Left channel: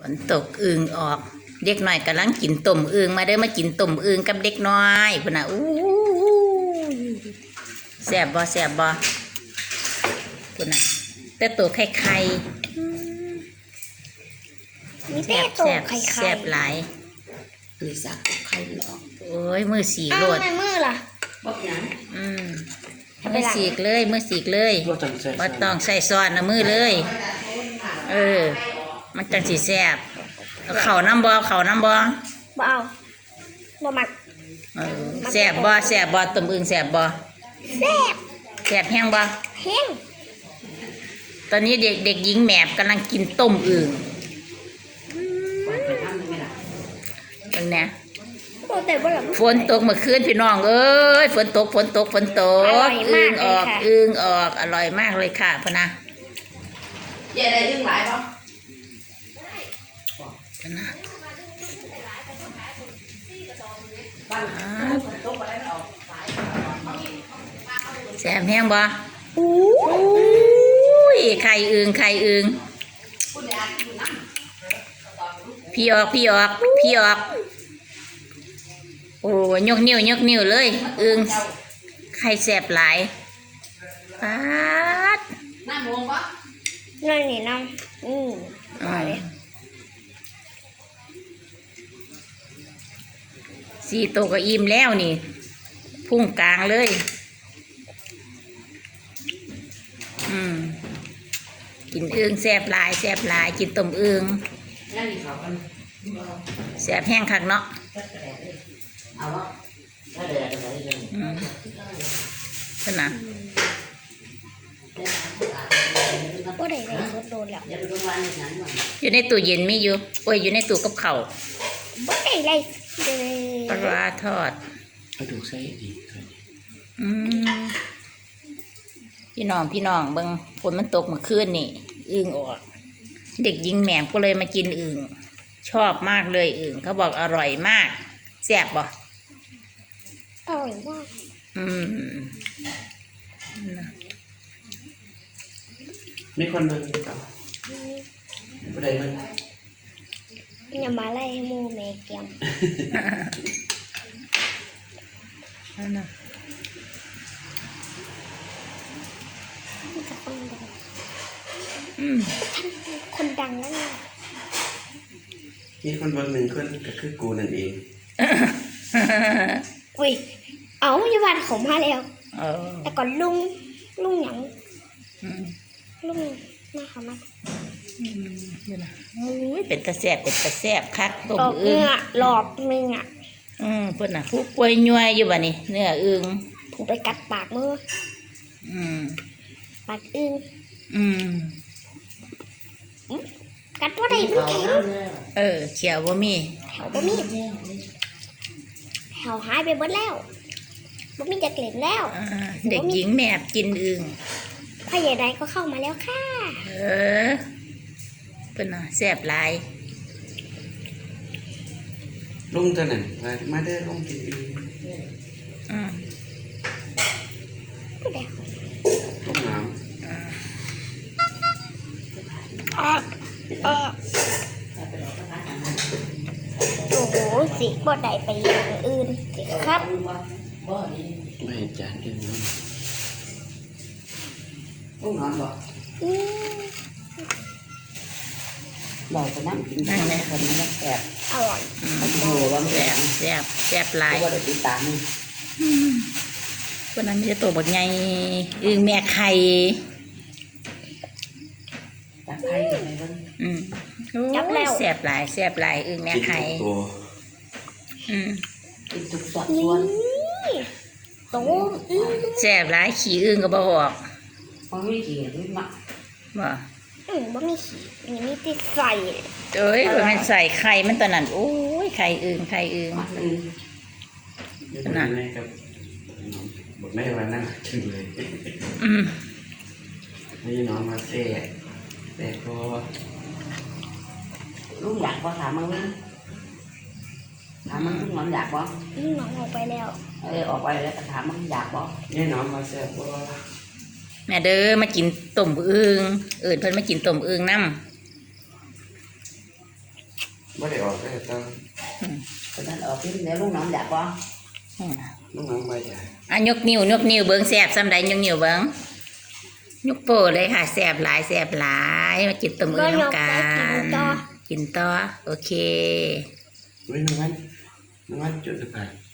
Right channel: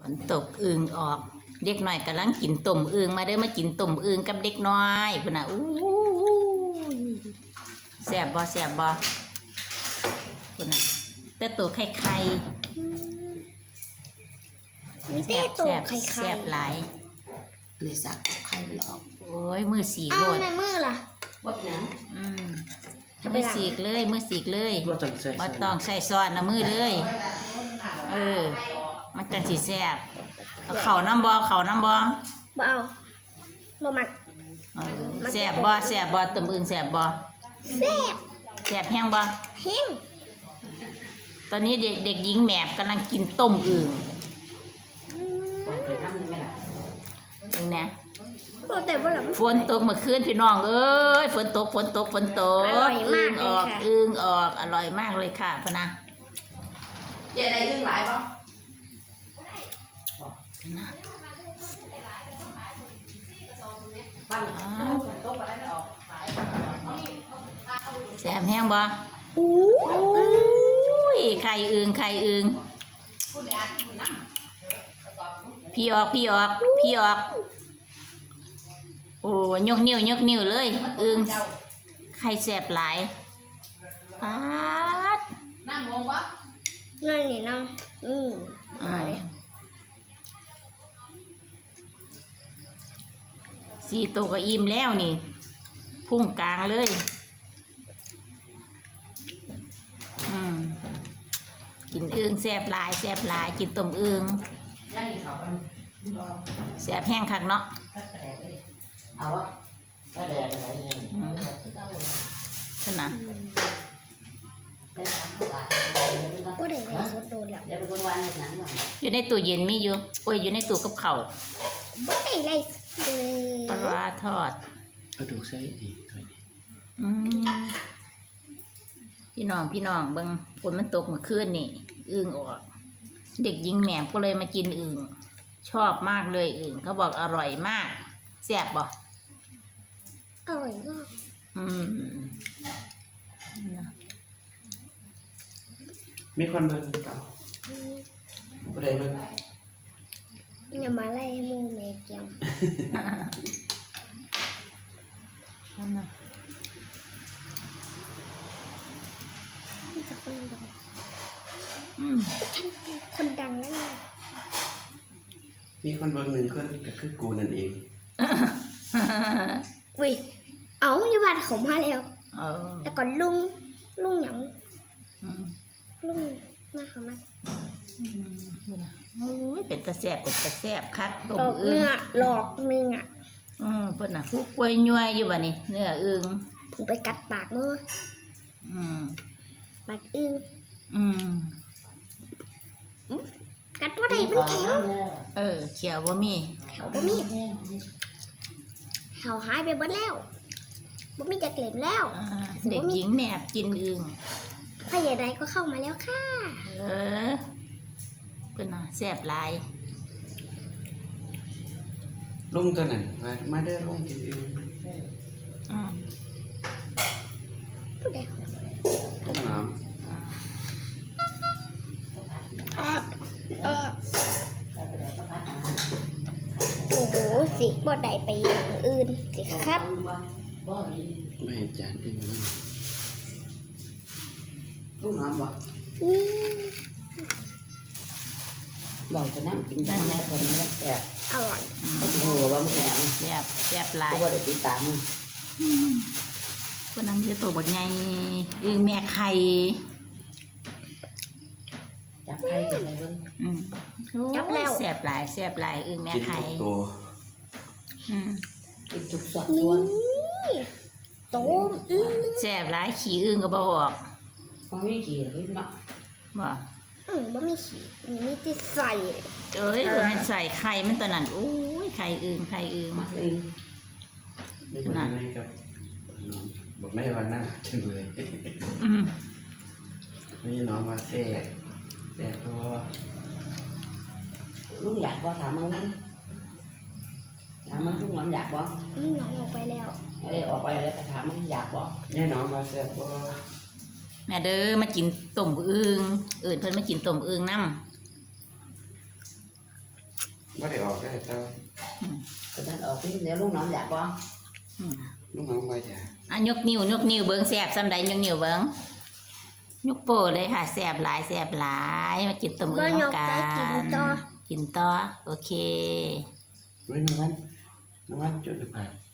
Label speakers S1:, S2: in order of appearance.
S1: นตกอึ่งออกเด็กน้อยกำลังกินต้มอึ่งมาเด้อมากินต้มอึ่งกับเด็กน้อยพุ่นน่ะอู้แซ่บบ่แซ่บบ่พุ่นน่ะแต่ตัวไข่ไข่แซ่บแซ่บแซ่บหลาย
S2: เลยสักไข่หรอก
S1: โอ้ยมือสีโลด
S3: มือล่ะ
S2: บักหยัง
S1: มือสีกเลยมือสีกเลยบ่ต้องใส่ซอสนะมือเลยมันจังสีแซ่บเอาเข่าน้ำบ่เข่าน้ำบ่
S3: เอาบ่มัก
S1: แซ่บบ่แซ่บบ่ต้มอึ่งแซ่บบ่แซ่บแห้งบ่
S3: แห้ง
S1: ตอนนี้เด็กหญิงแหมบกำลังกินต้มอึ่งตรงนี้ฝนตกเมื่อคืนพี่น้องเอ้ยฝนตกอึ่งออกอร่อยมากเลยค่ะพนะ
S2: เจ๊ได้อึ่งหลายป่ะ
S1: พนะแซ่บแห้งบ่ไข่อึ่งพี่ออกโอ้ยกนิ้วเลยอึ่งไข่แซ่บหลายป๊าด
S2: น้ำมงปะ
S3: นี่น้
S1: สี่โตก็อิ่มแล้วนี่พุ่งกลางเลยกินอึ่งแซ่บหลายกินต้มอึ่งแซ่บแห้งคักเนาะ
S2: เอาวะถ้าแดดอะไรเลย
S1: ขนาด
S3: ก็ได้เลยสดโดนแล้ว
S1: อยู่ในตู้เย็นมีอยู่อยู่ในตู้กับข้าว
S3: ก็ได้เลย
S1: ปลาทอด
S2: เอาดูใส่ดี
S1: พี่น้องเบิ่งฝนมันตกเมื่อคืนนี่อึ่งออกเด็กหญิงแหม่มก็เลยมากินอึ่งชอบมากเลยอึ่งเขาบอกอร่อยมากแซ่บบ่
S3: อร่อยมาก
S2: มีคนเบิ่งต่อบ่ได้เบิ่ง
S3: อย่ามาไล่ให้มูแม่เกียมคนดังนั่นแหละ
S2: มีคนเบิ่งหนึ่งคนก็คือกูนั่นเอง
S3: อุ้ยเอาอย่าว่าเขามาแล้วแต่ก่อนลุงหยังลุงมาเขามา
S1: เป็นตะแซ่บคักต้มอึ่ง
S3: หลอกมึง
S1: เพิ่นน่ะผู้ป่วยย่อยอยู่บ่นี่เนื้ออึ่ง
S3: ผมไปกัดปากมือปากอึ่งกัดว่าได้
S1: เขียวบ่มี
S3: เขาหายไปหมดแล้วบ่มีจะเกล็ดแล้ว
S1: เด็กหญิงแมบกินอึ่ง
S3: พ่อใหญ่ใดก็เข้ามาแล้วค่ะ
S1: เพิ่นน่ะแซ่บหลาย
S2: ลุงตัวนั้นมาเด้อลุงกินอึ่งลุงน้ำ
S3: โอ้โหสีบ่ได้ไปอย่างอื่นครับ
S2: ไม่จานกินน้ำลุงน้ำบ่บ่อยจะนั่งกินนั่งเนี่ยคนนี้แซ่บ
S3: อร่อย
S1: แซ่บหลายคนนั้นไม่ใช่ตัวบดไงอึ่งแม่ไข่แซ่บหลายอึ่งแม่ไข่
S2: กินทุกส่วน
S1: แซ่บหลายขี้อึ่งก็บ่ออก
S2: ไม่ขี้อึ่ง
S1: บ่
S3: บ่มีขี้มีติดใส่
S1: มันใส่ไข่มันตอนนั้นโอ้ยไข่อึ่ง
S2: นะบอกไม่วันนั้นจึงเลยนี่น้องมาเซ่แต่พอลุงอยากพอถามมึงลุงน้องอยากบ่
S3: ลุงน้องออกไปแล้ว
S2: ออกไปแล้วถามมึงอยากบ่นี่น้องมาเซ่พอ
S1: แม่เด้อมากินต้มอึ่งเพิ่นมากินต้มอึ่งน้ำ
S2: ไม่ได้ออกได้ตอน
S4: ตอนนั้นออกเดี๋ยวลูกน้องอยากบ่
S2: ลูกน้องไม่ใหญ่
S1: อ่ะยกนิ้วเบิ้งแสบซ้ำใดยกนิ้วเบิ้งยกโป้เลยค่ะแสบหลายแสบหลายมากินตัวมือน้ำกันกินต่อโอเค
S2: ไม่น้องมันจุดสะพาน